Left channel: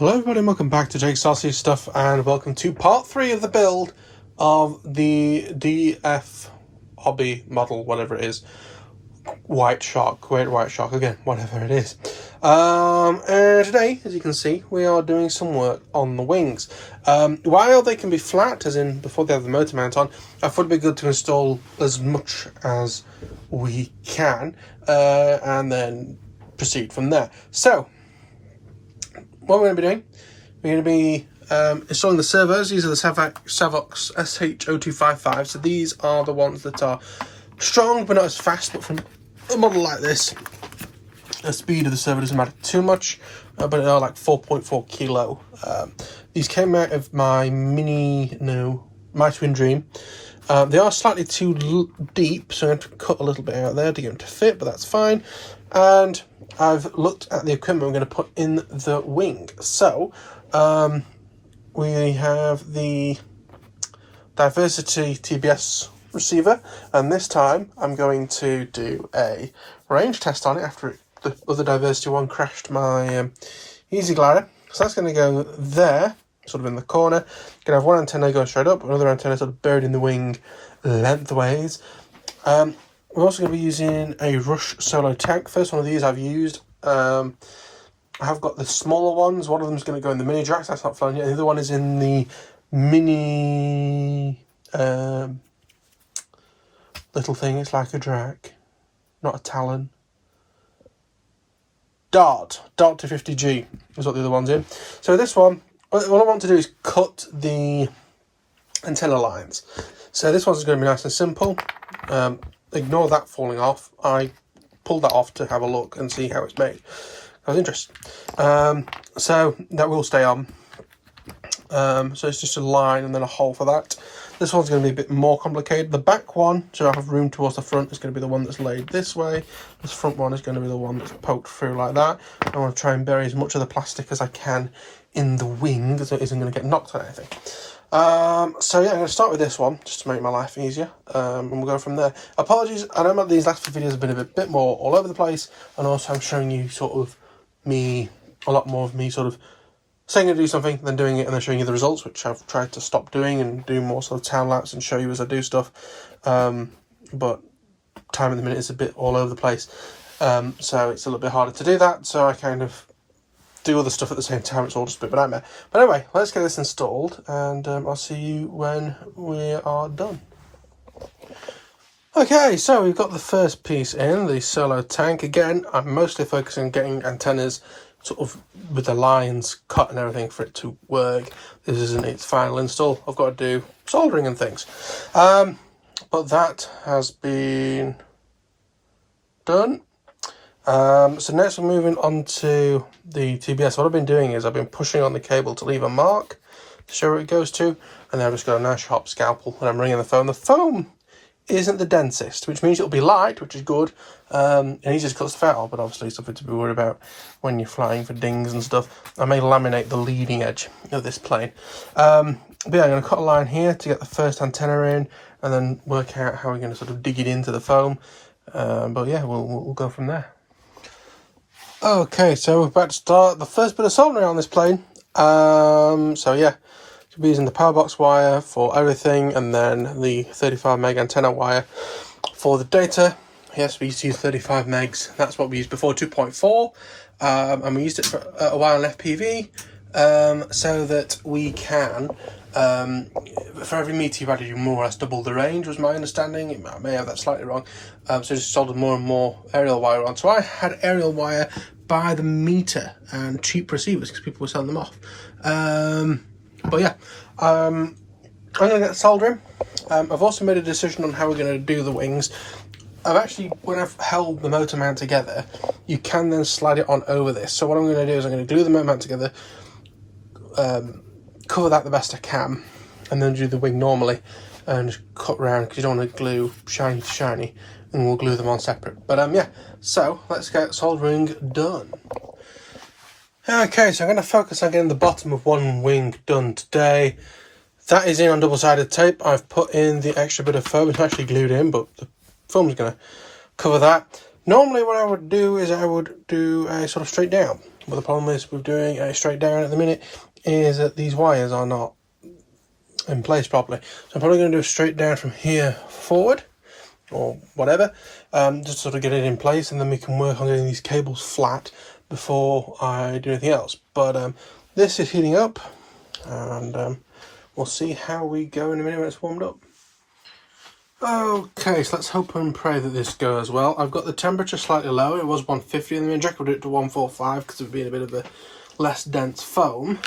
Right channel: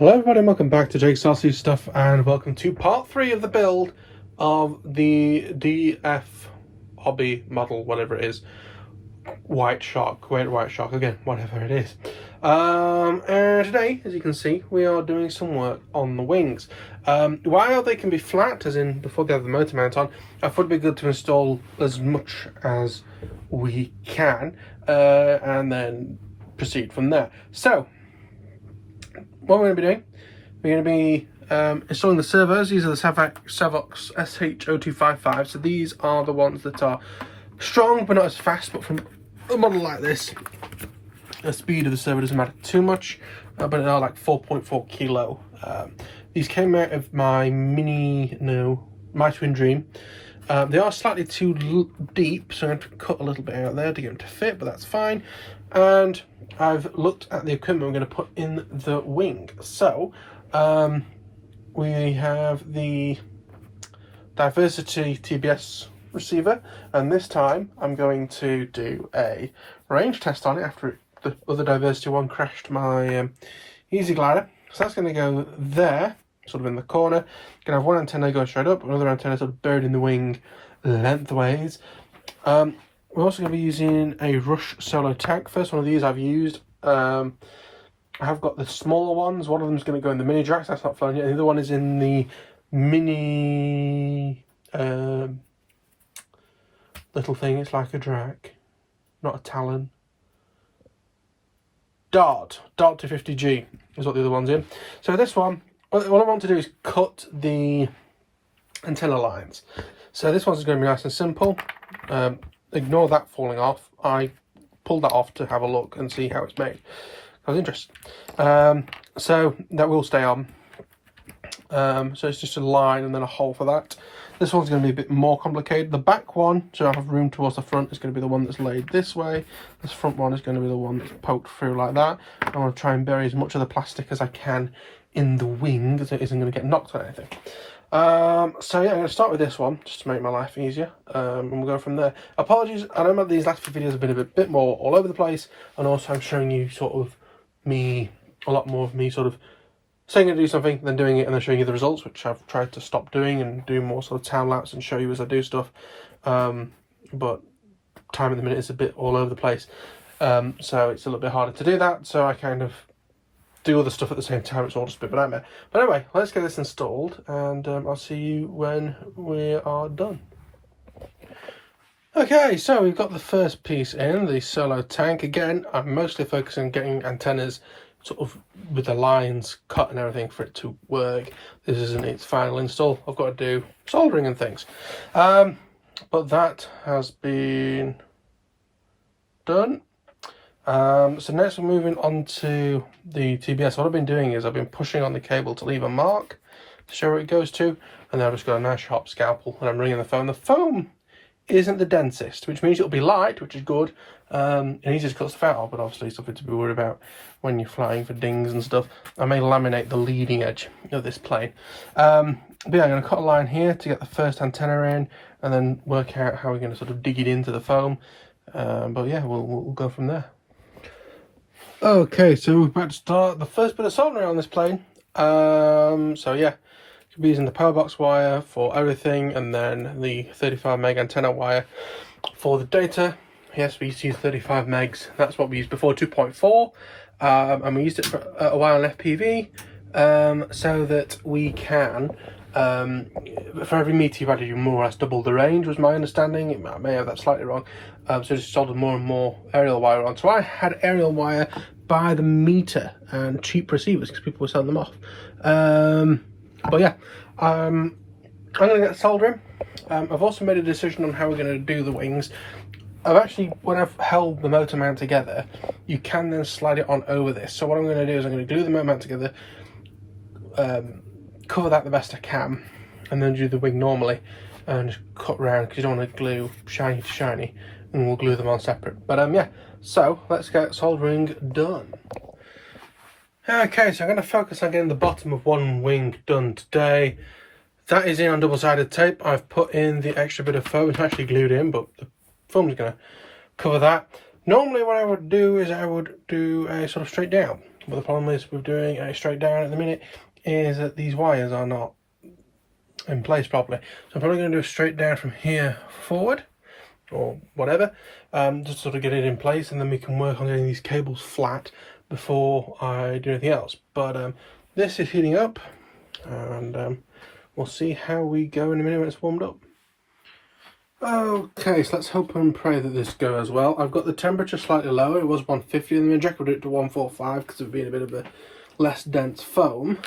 Hello everybody and welcome back to Jake's Saucy Stuff, and welcome to part 3 of the build of the DF Hobby model, whatever it is. White Shark, Great White Shark, again, whatever it is. And today, as you can see, we are doing some work on the wings. While they can be flat, as in before they have the motor mount on, I thought it'd be good to install as much as we can, and then proceed from there. So, what we're going to be doing, we're going to be installing the servos. These are the Savox SH0255. So these are the ones that are strong but not as fast. But from a model like this, the speed of the servo doesn't matter too much, but they are like 4.4 kilo. These came out of my my Twin Dream. They are slightly too deep, so I'm going to cut a little bit out there to get them to fit, but that's fine. And I've looked at the equipment we're going to put in the wing. So, we have the Diversity TBS receiver, and this time I'm going to do a range test on it after the other Diversity one crashed my Easy Glider. So that's going to go there, sort of in the corner. Going to have one antenna going straight up, another antenna sort of buried in the wing lengthways. We're also going to be using a Rush Solo tank. First one of these I've used. I have got the smaller ones. One of them is going to go in the mini Drax. That's not flown yet. The other one is in the mini little thing. It's like a Drac, not a Talon. Dart 250G is what the other one's in. So this one, what I want to do is cut the antenna lines. So this one's going to be nice and simple. Ignore that falling off. I pulled that off to have a look and see how it's made. I was interested. So that will stay on. So it's just a line and then a hole for that. This one's going to be a bit more complicated. The back one, so I have room towards the front, is going to be the one that's laid this way. This front one is going to be the one that's poked through like that. I want to try and bury as much of the plastic as I can in the wing, so it isn't going to get knocked on anything. So yeah, I'm going to start with this one, just to make my life easier, and we'll go from there. Apologies, I know these last few videos have been a bit more all over the place, and also I'm showing you sort of a lot more of me sort of saying to do something, then doing it, and then showing you the results, which I've tried to stop doing and do more sort of time lapse and show you as I do stuff. But time at the minute is a bit all over the place, so it's a little bit harder to do that, so I kind of do other stuff at the same time. It's all just a bit of a nightmare. But anyway, let's get this installed, and I'll see you when we are done. Okay, so we've got the first piece in, the Solo tank. Again, I'm mostly focusing on getting antennas sort of with the lines cut and everything for it to work. This isn't its final install. I've got to do soldering and things. But that has been done. So next we're moving on to the TBS. What I've been doing is I've been pushing on the cable to leave a mark to show where it goes to, and then I've just got a nice sharp scalpel and I'm ringing the foam. The foam isn't the densest, which means it'll be light, which is good, and easy to cut stuff out, but obviously something to be worried about when you're flying for dings and stuff. I may laminate the leading edge of this plane. But yeah, I'm going to cut a line here to get the first antenna in, and then work out how we're going to sort of dig it into the foam. But yeah, we'll go from there. Okay, so we're about to start the first bit of soldering on this plane. So yeah, we'll be using the power box wire for everything, and then the 35 meg antenna wire for the data. Yes, we used to use 35 megs. That's what we used before 2.4, and we used it for a while on FPV, so that we can, for every meter you've added, you more or less double the range, was my understanding. I may have that slightly wrong. So just soldered more and more aerial wire on. So I had aerial wire by the meter and cheap receivers because people were selling them off. But yeah, I'm going to get soldering. I've also made a decision on how we're going to do the wings. When I've held the motor mount together, you can then slide it on over this. So what I'm going to do is I'm going to glue the motor mount together, cover that the best I can, and then do the wing normally and just cut around, because you don't want to glue shiny to shiny, and we'll glue them on separate. But yeah, so let's get soldering done. Okay, so I'm going to focus on getting the bottom of one wing done today. That is in on double-sided tape. I've put in the extra bit of foam. It's actually glued in, but the foam's going to cover that. Normally what I would do is I would do a sort of straight down. But the problem is with doing it straight down at the minute is that these wires are not in place properly. So I'm probably going to do a straight down from here forward or whatever, just sort of get it in place, and then we can work on getting these cables flat before I do anything else. But this is heating up, and we'll see how we go in a minute when it's warmed up. Okay, so let's hope and pray that this goes well. I've got the temperature slightly lower. It was 150 and then Jack would do it to 145 because of being a bit of a less dense foam.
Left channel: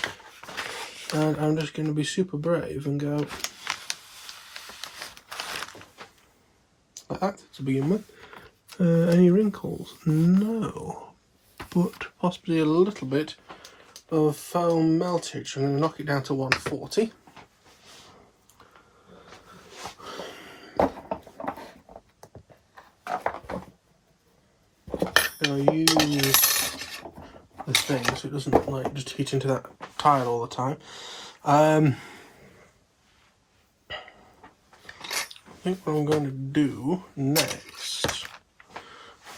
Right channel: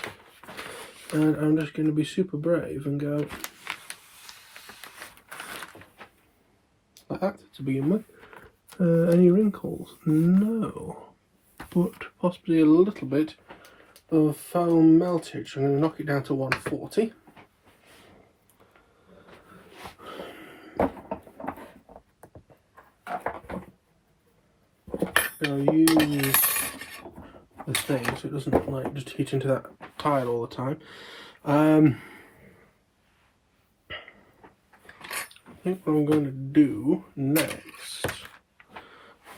And I'm just going to be super brave and go like that to begin with. Any wrinkles? No, but possibly a little bit of foam meltage. I'm going to knock it down to 140. I'll use the thing so it doesn't like just heat into that tile all the time. I think what I'm going to do next,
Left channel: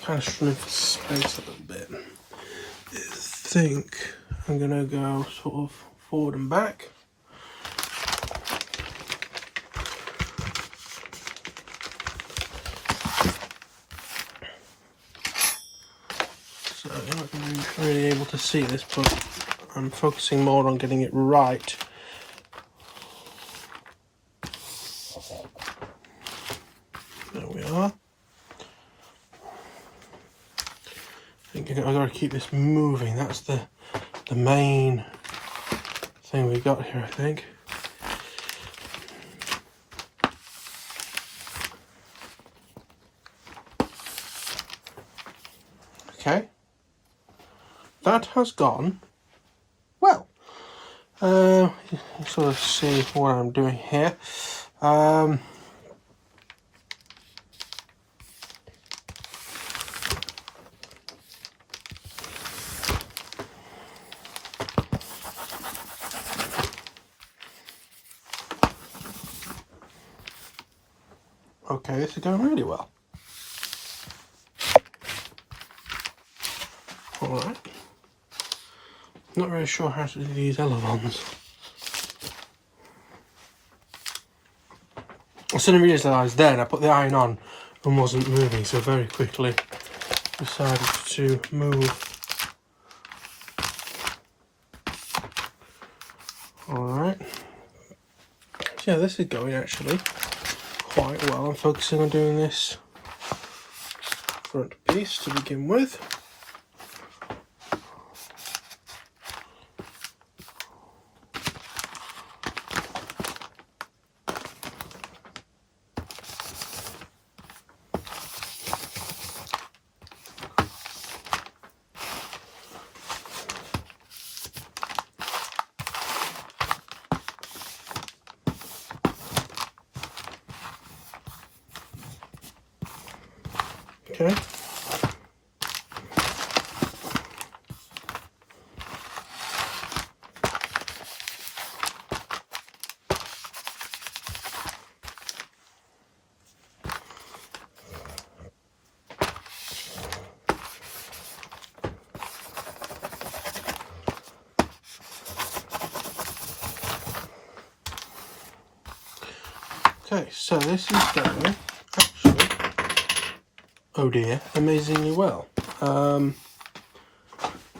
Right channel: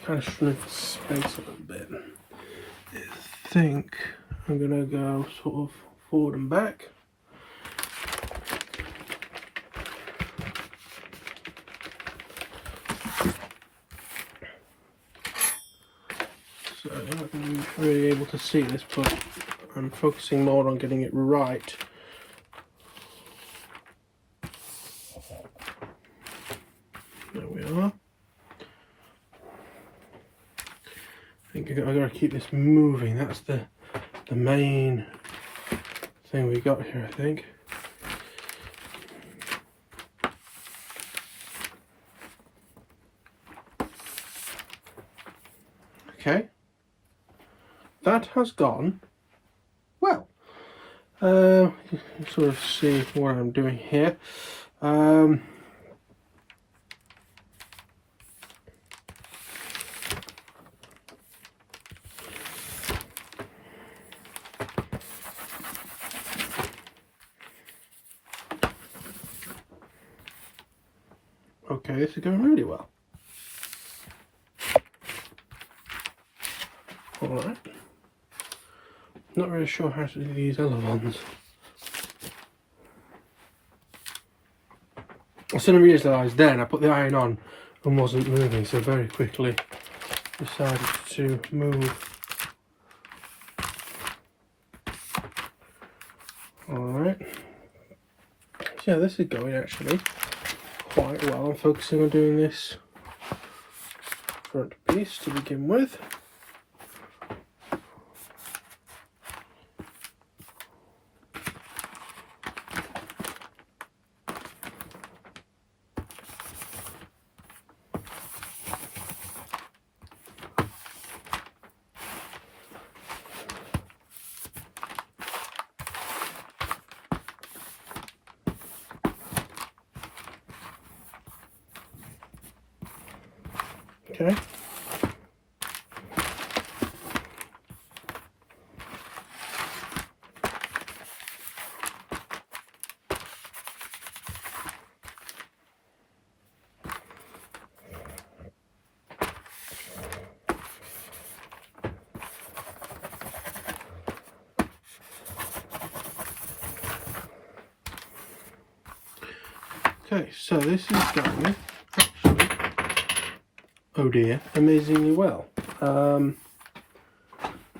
kind of shrink the space a little bit, is think I'm going to go sort of forward and back. So you're not going to be really able to see this, but I'm focusing more on getting it right. There we are. I think I've got to keep this moving. That's the main thing we got here, I think. Okay. That has gone well. You sort of see what I'm doing here. Okay, this is going really well. Alright. Not really sure how to do these other ones. I suddenly realised then I put the iron on and wasn't moving, so very quickly decided to move. Alright. So yeah, this is going actually quite well. I'm focusing on doing this front piece to begin with. Okay. Okay, so this is going actually, oh dear, amazingly well.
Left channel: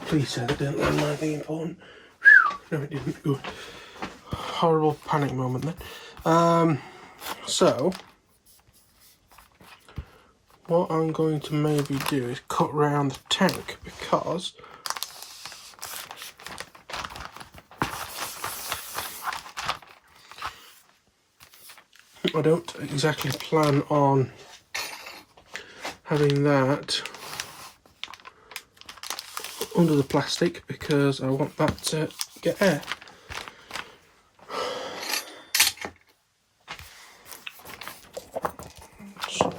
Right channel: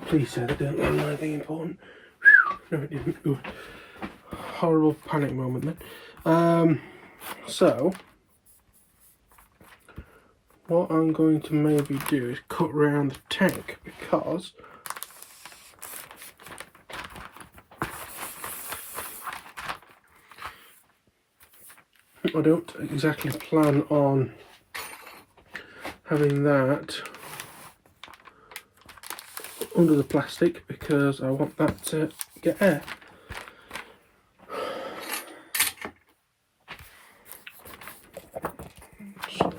Please say that didn't learn anything important. No, it didn't. Ooh. Horrible panic moment then. So what I'm going to maybe do is cut round the tank, because I don't exactly plan on having that under the plastic, because I want that to get air. So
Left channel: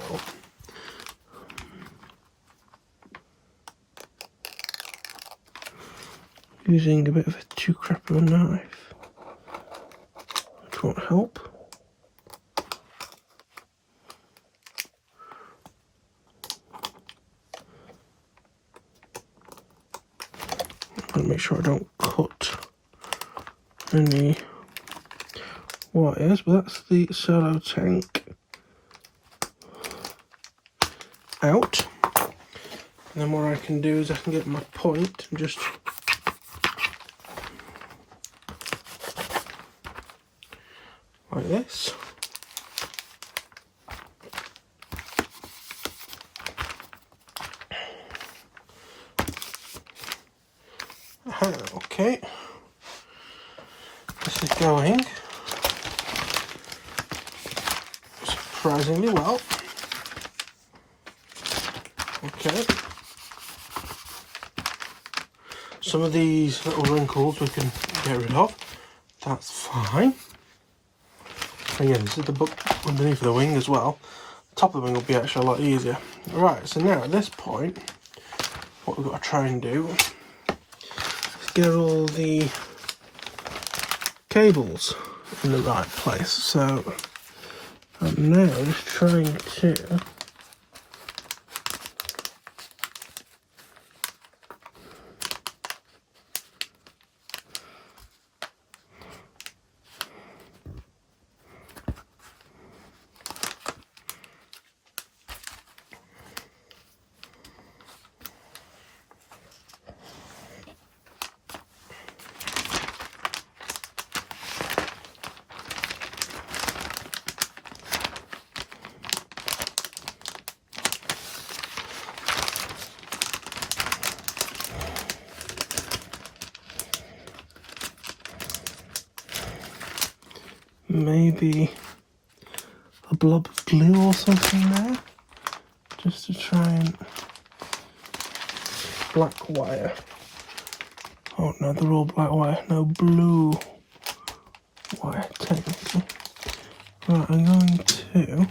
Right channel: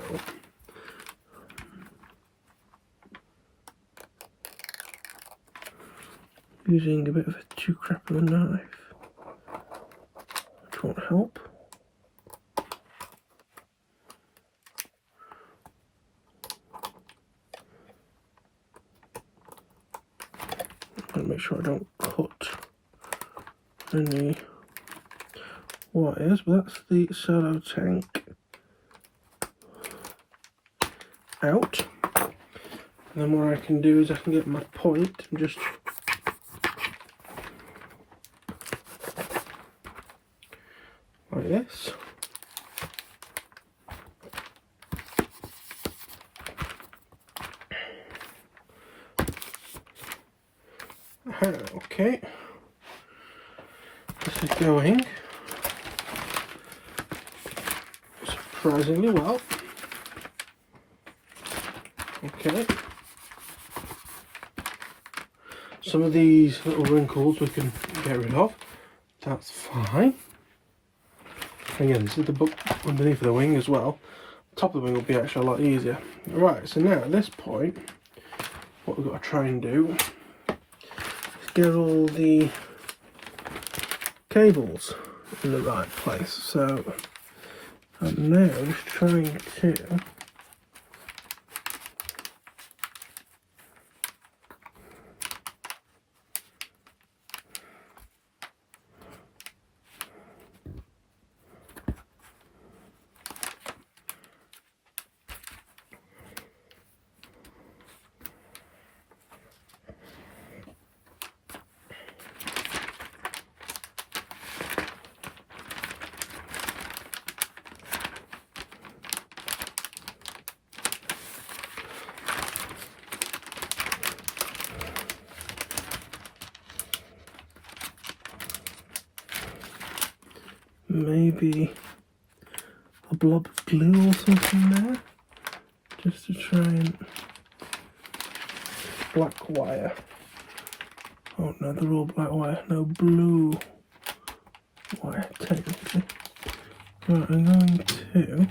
using a bit of a too crap of a knife, which won't help. make sure I don't cut any wires, but that's the solo tank out. And then what I can do is I can get my point and just like this. Okay, this is going surprisingly well. Okay, some of these little wrinkles we can get rid of, that's fine. And yeah, this is the book underneath the wing as well. Top of the wing will be actually a lot easier. Right, so now at this point, what we've got to try and do is get all the cables in the right place. So I'm now just trying to maybe a blob of glue or something there, just to try and black wire. Oh no, they're all black wire, no blue wire technically. Right, I'm going to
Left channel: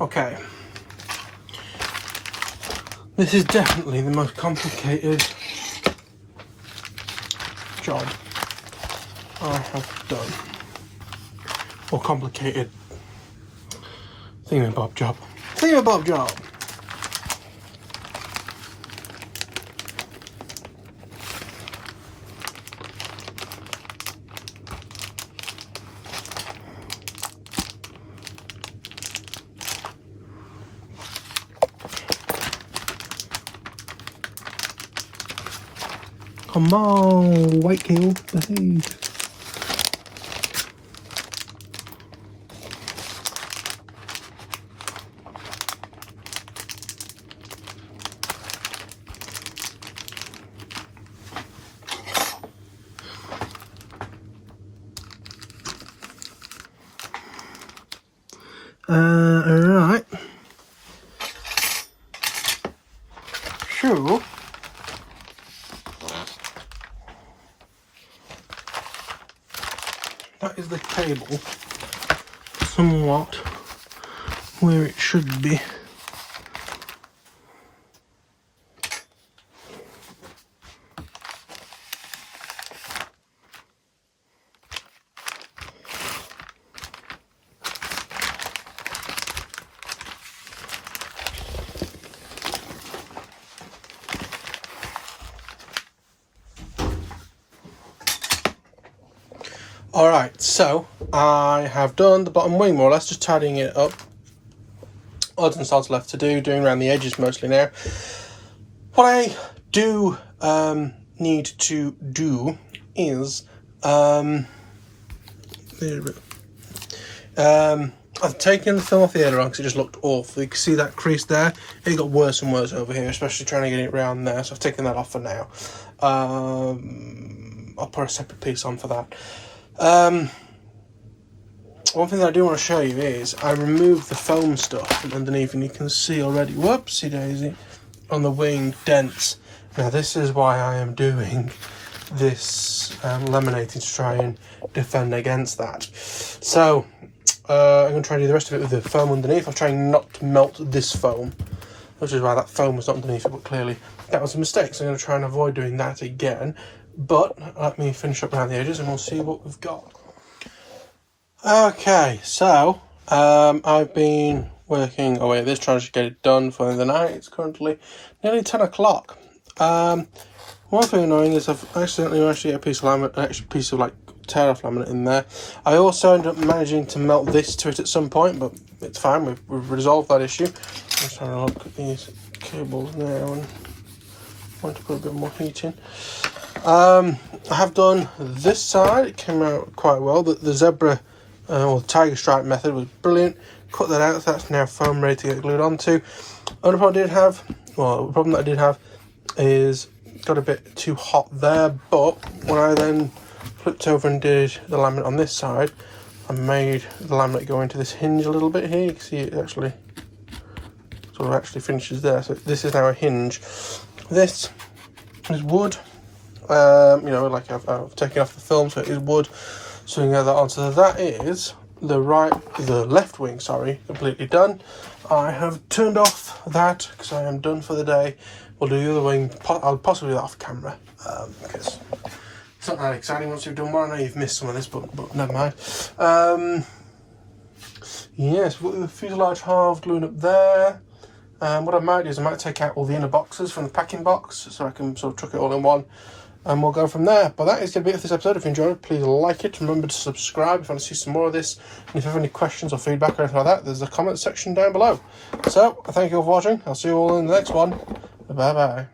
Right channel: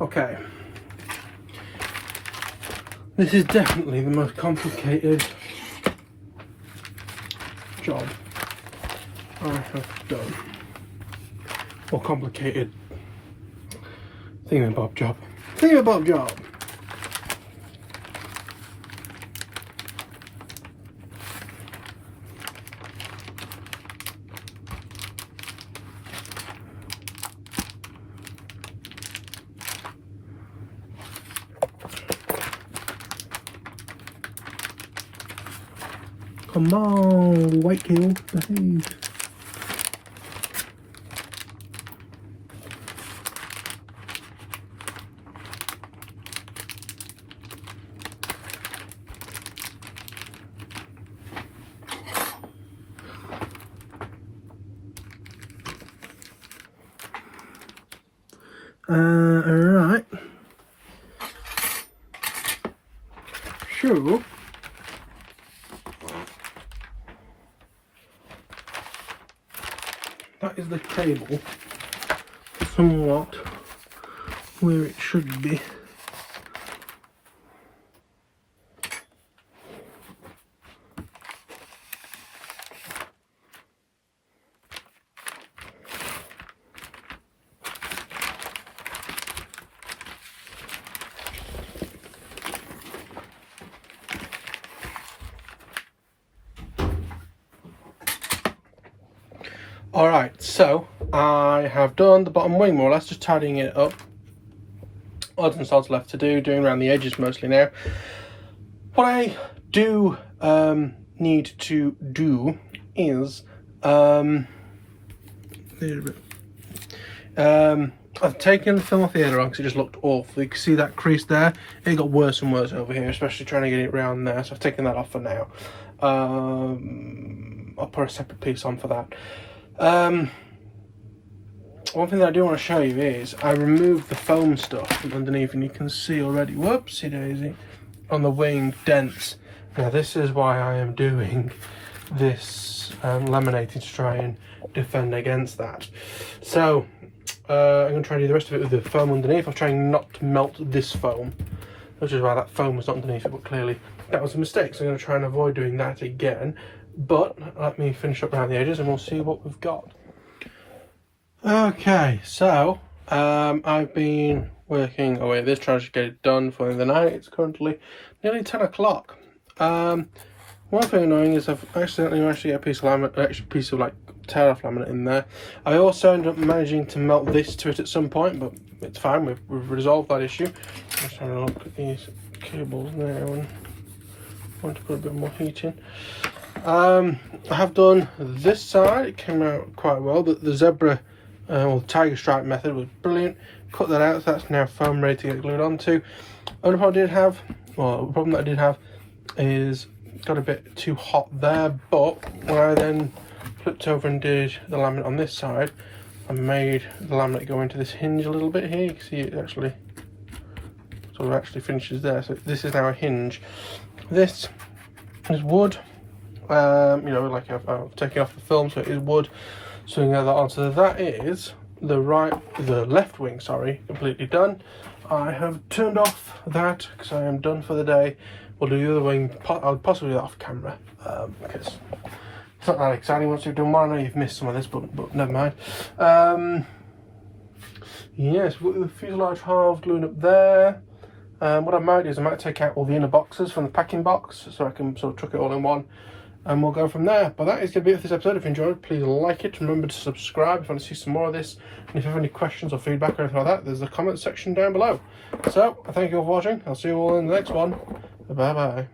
okay. This is definitely the most complicated job I have done. Or complicated thingamabob job. Thingamabob job! Come on, white cable, behave. Alright. Sure. That is the cable somewhat where it should be. Alright, so I have done the bottom wing more or less, just tidying it up. Odds and sods left to do, doing around the edges mostly now. What I do need to do is I've taken the film off the aileron because it just looked awful. You can see that crease there. It got worse and worse over here, especially trying to get it around there. So I've taken that off for now. I'll put a separate piece on for that. one thing that I do want to show you is I removed the foam stuff from underneath, and you can see already, whoopsie daisy, on the wing dents. Now this is why I am doing this laminating to try and defend against that. So I'm going to try and do the rest of it with the foam underneath. I'm trying not to melt this foam, which is why that foam was not underneath it, but clearly that was a mistake. So I'm going to try and avoid doing that again. But let me finish up around the edges and we'll see what we've got. Okay, so I've been working away at this, trying to get it done for the night. It's currently nearly 10 o'clock. One thing annoying is I've accidentally managed to get a piece of laminate, an extra piece of like tear off laminate in there. I also ended up managing to melt this to it at some point, but it's fine, we've resolved that issue. Just having a look at these cables now and want to put a bit more heat in. I have done this side, it came out quite well. The zebra or the tiger stripe method was brilliant. Cut that out, so that's now foam ready to get glued onto. Only problem I did have, well, the problem that I did have is it got a bit too hot there, but when I then flipped over and did the laminate on this side, I made the laminate go into this hinge a little bit here. You can see it actually sort of actually finishes there. So this is now a hinge. This is wood. You know, like I've taken off the film, so it is wood. So you know that on. So that is the left wing, sorry, completely done. I have turned off that because I am done for the day. We'll do the other wing. I'll possibly do that off camera because it's not that exciting once you've done one. I know you've missed some of this, but never mind. Yes, we've got the fuselage half gluing up there. What I might do is I might take out all the inner boxes from the packing box so I can sort of chuck it all in one, and we'll go from there. But that is going to be it for this episode. If you enjoyed it, please like it. Remember to subscribe if you want to see some more of this. And if you have any questions or feedback or anything like that, there's a comment section down below. So, I thank you all for watching. I'll see you all in the next one. Bye-bye.